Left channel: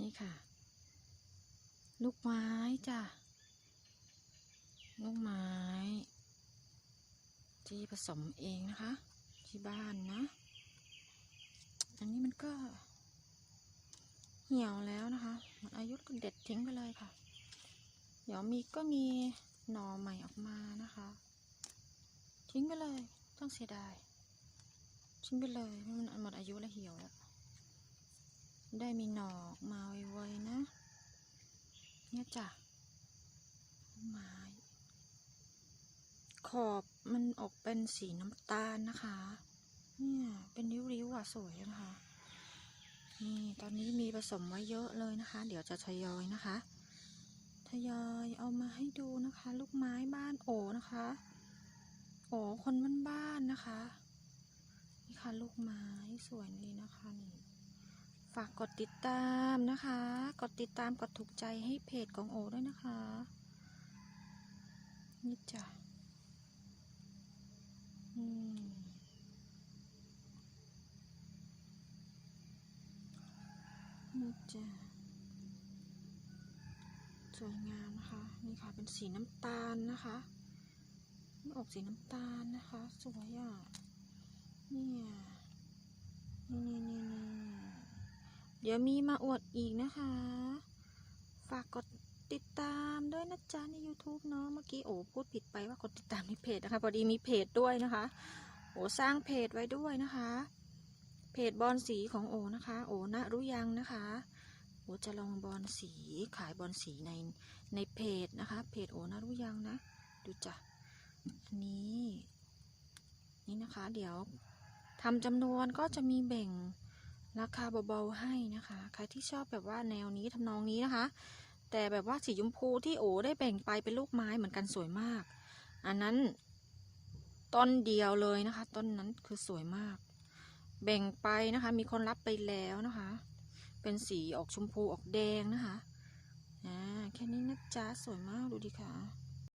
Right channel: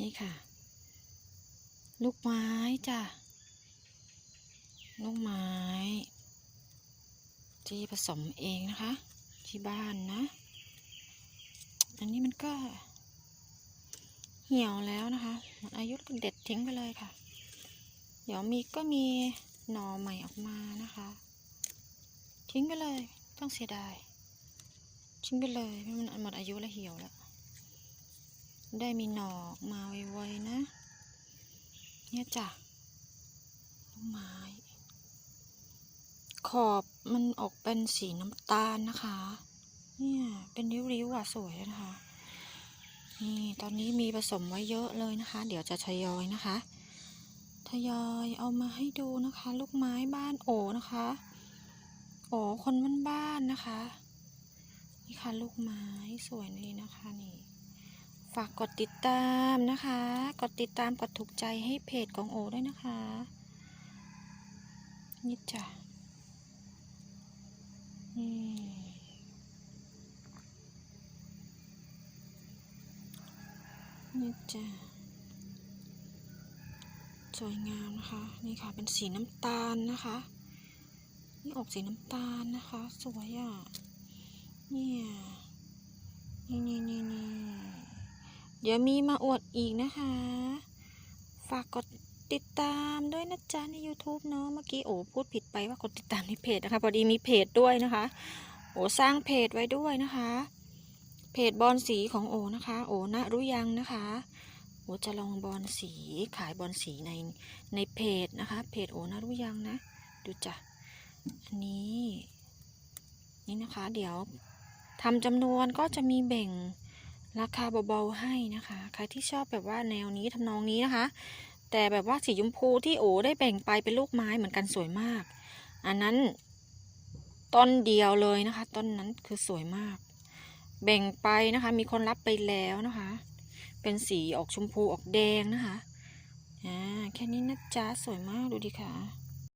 นี่ค่ะ ลูกไม้จ้ะ ลูกไม้ ที่ผสมเองนะคะ ที่บ้านนะ อันนี้มันก็ เหี่ยวแล้วนะคะหมดอายุก็เด็ดทิ้งไปเลยค่ะ เดี๋ยวมีก็มีหน่อใหม่ออกมานะคะ ทิ้งไปเลย ต้องเสียดาย ทิ้งไปเลยเพราะมันหมดอายุแล้วเหี่ยวแล้ว ได้มีหนอกมาไวๆนะ เนี่ยจ้ะลูกไม้ ขอบมันออกเป็นสีน้ำตาลนะคะ เนี่ยเป็นริ้วๆอะสวยนะคะ นี่ตอนนี้มีผสมไว้เยอะเลยนะคะ เดี๋ยวจะทยอยนะคะ ทยอยเอามาให้ดูนะคะ ลูกไม้บ้านโอนะคะ โอคนบ้านๆนะคะ นี่ค่ะลูกไม้สวยนี่นะคะนี่ ฝากกดติดตามนะคะ กดติดตามกดถูกใจให้เพจของโอด้วยนะคะ นี่จ้ะ นี่ นี่จ้ะ สวยงามนะคะ นี่ค่ะ เป็นสีน้ำตาลนะคะ นี่ออกสีน้ำตาลนะคะ สวยอะ เนี่ยนี่นี่นี่นี่เดี๋ยวมีมาอวดอีกนะคะ ฝากกดติดตามด้วยนะจ๊ะใน YouTube เนาะเมื่อกี้โอ้พูดผิดไปว่ากดติดตามในเพจนะคะ พอดีมีเพจด้วยนะคะ โอ้สร้างเพจไว้ด้วยนะคะ เพจบอลสีของโอนะคะ โอนะรู้ยังนะคะโอจะลองบอลสีขายบอลสีในในเพจนะคะ เพจโอนะรู้ยังนะ ดูจ้ะอันนี้ นี่นะคะ เดี๋ยวทำจำนวนก็จะมีแบ่ง ราคาเบาๆให้นะคะ ใครที่ชอบแบบว่าแนวนี้ทำนองนี้นะคะ แต่แบบว่าสีชมพูที่โอได้แบ่งไปเป็นลูกไม้เหมือนกันสวยมาก อันนั้นต้นเดียวเลยนะคะ ต้นนั้นคือสวยมาก แบ่งไปนะคะ มีคนรับไปแล้วนะคะ เป็นสีออกชมพูออกแดงนะคะอ่าแค่นี้นะจ๊ะสวยมากดูดิค่ะ